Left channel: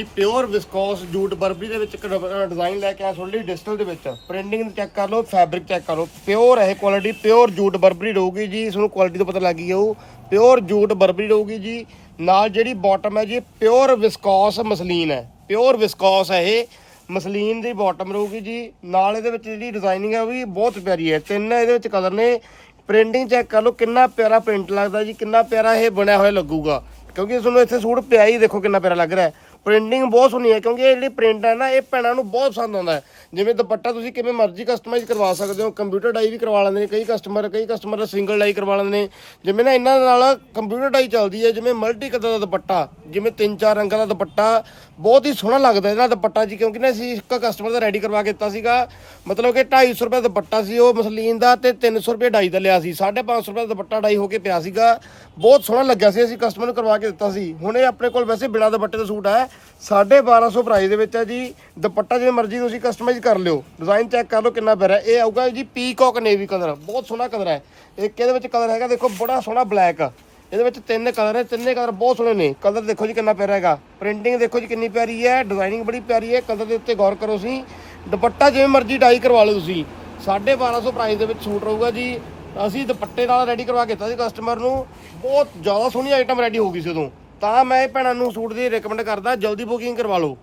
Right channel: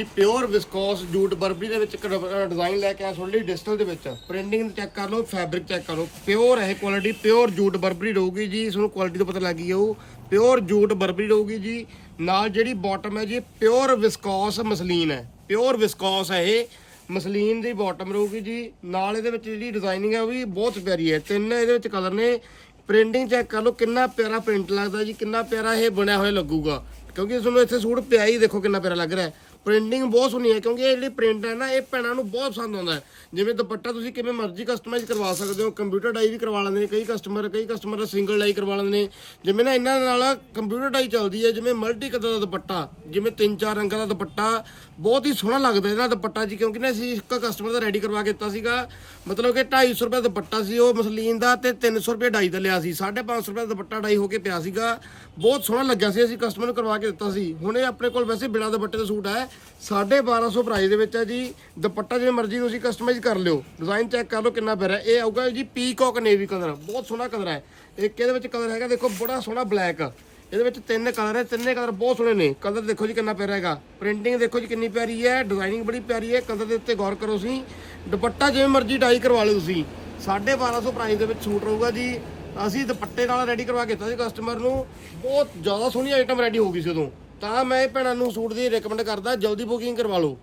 ਜੀ pure viscose jute Barbari ਦੇ ਵਿੱਚ ਇੱਕ ਡਿਜ਼ਾਈਨ ਲੈ ਕੇ ਆਇਆ ਤੁਹਾਡੇ ਲਈ ਡਿਜੀਟਲ ਦੇ ਵਿੱਚ। ਪ੍ਰਿੰਟਿੰਗ ਚੈੱਕ ਕਰ ਲਓ ਫੈਬਰਿਕ ਚੈੱਕ ਕਰ ਲਓ। ਪਿਓਰ ਹੈ ਕੁਆਲਿਟੀ ਪਿਓਰ ਜੂਟ ਬਰਬਰੀ ਰਹੂਗੀ ਜੀ, ਇਸ ਨੂੰ ਕੁਆਲਿਟੀ ਤੋਂ ਪਤਾ ਲੱਗ ਗਈ ਉਹ। ਪਿਓਰ ਜੂਟ ਬਰਬਰੀ ਰਹੂਗੀ ਜੀ, ਨਾਲ ਜਿਹੜੀ ਬਾਟਮ ਹੈ ਜੀ ਪਿਓਰ ਵਿਸਕੋਸ ਮਸਲੀਨ ਹੈ। ਪਿਓਰ ਵਿਸਕੋਸ ਹੈ ਇਹ, ਮਸਲੀਨ ਦੀ ਬਾਟਮ ਰਹੂਗੀ ਜੀ। ਨਾਲ ਇਹਦੇ ਵਿੱਚ ਜਿਹੜੀ ਡਿਜ਼ਾਈਨਿੰਗ ਹੈ ਉਹ ਵੀ ਬਹੁਤ ਪਿਆਰੀ ਹੈ। ਤਿੰਨ ਇਹਦੇ ਵਿੱਚ ਕਲਰ ਨੇ। ਪ੍ਰਿੰਟਿੰਗ ਚੈੱਕ ਕਰ ਲਓ, ਕਿੰਨਾ ਪਿਆਰਾ ਪ੍ਰਿੰਟ ਲੱਗਦਾ ਜੀ, ਕਿੰਨਾ ਪਿਆਰਾ ਇਹ ਬਣਿਆ ਹੋਇਆ ਲੱਗੂਗਾ। ਕਿਉਂਕਿ ਤੁਹਾਨੂੰ ਇੱਥੇ ਸੂਟ ਪਿਆ ਹੀ ਦੇਖੋ ਕਿੰਨਾ ਪਿਆਰਾ ਲੱਗ ਰਿਹਾ ਹੈ। ਪ੍ਰਿੰਟਿੰਗ ਬਹੁਤ ਸੋਹਣੀ ਹੈ, ਕਿਉਂਕਿ ਇਹ ਜਿਹੜੀ ਪ੍ਰਿੰਟ ਹੈ ਨਾ, ਇਹ ਭੈਣਾਂ ਨੂੰ ਬਹੁਤ ਪਸੰਦ ਆਉਂਦਾ ਹੈ। ਜਿਵੇਂ ਦੁਪੱਟਾ ਤੁਸੀਂ ਕਿਵੇਂ ਮਰਜ਼ੀ ਕਸਟਮਾਈਜ਼ ਕਰਵਾ ਸਕਦੇ ਹੋ ਕੰਪਿਊਟਰ ਡਾਈ ਵੀ ਕਰਵਾ ਲੈਂਦੇ ਨੇ, ਕਈ ਕਸਟਮਰ ਕਈ ਕਸਟਮਰ ਦਾ ਸਿੰਗਲ ਡਾਈ ਕਰਵਾ ਲੈਂਦੇ ਨੇ। ਜਿਵੇਂ ਨਾ ਇਹਨਾਂ ਨਾਲ ਕੰਪਿਊਟਰ ਡਾਈ ਚੱਲਦੀ ਹੈ, ਜਿਵੇਂ ਮਲਟੀ ਕਲਰ ਦਾ ਦੁਪੱਟਾ, ਜਿਵੇਂ ਤਿੰਨ ਚਾਰ ਰੰਗਾਂ ਦਾ ਦੁਪੱਟਾ, ਬਹੁਤ ਹੀ ਸੋਹਣਾ ਲੱਗਦਾ ਇਹਦਾ ਦੁਪੱਟਾ ਜੀ, ਕਿਉਂਕਿ ਨਾ ਅਸੀਂ ਇੱਕ ਕਸਟਮਰ ਦਾ ਰੈਡੀ ਕਰਵਾ ਕੇ ਦਿੱਤਾ ਸੀਗਾ। ਮਤਲਬ ਕਿ 250 ਰੁਪਏ ਦਾ ਦੁਪੱਟਾ ਸੀ, ਉਹ ਮਸਲੀਨ ਦਾ ਤੇ 300 ਰੁਪਏ ਡਾਈ ਦਾ ਲਿਆ ਸੀ। 550 ਰੁਪਏ ਦਾ ਦੁਪੱਟਾ ਡਾਈ ਹੋ ਕੇ ਪਿਆ ਸੀਗਾ। ਬਹੁਤ ਸੋਹਣਾ ਲੱਗਿਆ ਸੀ, ਅਸੀਂ ਕਸਟਮਰ ਨੂੰ ਕਰਵਾ ਕੇ ਦਿੱਤਾ ਸੀ। ਹੁਣ ਇਹ ਆਪਣੇ ਕੋਲ ਵੈਸੇ ਬਿਨਾਂ ਦੁਪੱਟੇ ਦਾ ਸੂਟ ਹੈ। 1250 ਪ੍ਰਾਈਸ ਦੇ ਵਿੱਚ ਹੈ ਜੀ। ਦੁਪੱਟਾ ਜਿਵੇਂ ਮਰਜ਼ੀ ਤੁਸੀਂ ਕਸਟਮਾਈਜ਼ ਕਰ ਲਿਓ। ਡਿਜ਼ਾਈਨ ਚੈੱਕ ਕਰ ਲਓ ਕਿੰਨਾ ਪਿਆਰਾ ਹੈ। ਇਹ ਆਊਗਾ ਜੀ ਪੀਕੌਕ ਨੇਵੀ ਕਲਰ ਬਹੁਤ ਸੋਹਣਾ ਕਲਰ ਹੈ। ਇੱਕ ਇਹਦੇ ਵਿੱਚ ਕਲਰ ਹੈਗਾ, ਦੇਖੋ, ਬੜਾ ਸੋਹਣਾ ਬਲੈਕ ਇਹਦੇ ਵਿੱਚ ਤਿੰਨ ਕਲਰ ਹੈ, ਤਿੰਨੇ ਕਲਰ ਬਹੁਤ ਸੋਹਣੇ ਨੇ। ਕਲਰ ਦੇਖੋ ਜੀ ਕਿੰਨਾ ਪਿਆਰਾ ਹੈਗਾ। ਪ੍ਰਿੰਟਿੰਗ ਦੇਖੋ ਜੀ ਕਿੰਨੀ ਪਿਆਰੀ ਹੈ। ਡਿਜ਼ਾਈਨਿੰਗ ਬੜੀ ਪਿਆਰੀ ਹੈ। ਕਲਰ ਦੇ ਉੱਤੇ ਗੌਰ ਕਰੋ ਤੁਸੀਂ। ਦੁਪੱਟਾ ਜਿਵੇਂ ਮਰਜ਼ੀ ਡਾਈ ਕਰਵਾ ਲਓ ਤੁਸੀਂ। 1250 ਪ੍ਰਾਈਸ ਦੇ ਵਿੱਚ ਸੂਟ ਰਹੂਗਾ ਜੀ। ਅਸੀਂ ਦੁਪੱਟੇ ਨਾਲ ਰੈਡੀ ਕਰਵਾ ਕੇ ਦਿੱਤਾ ਸੀ ਕਸਟਮਰ ਨੂੰ। ਬਹੁਤ ਜ਼ਿਆਦਾ ਸੋਹਣੀ ਆਈਟਮ ਰੈਡੀ ਹੋ ਗਈ ਸੀ ਉਦੋਂ। ਤਾਂ ਮੈਂ ਇਹ ਭੈਣਾਂ ਨੂੰ ਸੂਟ ਦੀ ਰეკਮੈਂਡ ਕਰਦਾ, ਜਲਦੀ ਬੁਕਿੰਗ ਕਰਵਾ ਲਓ।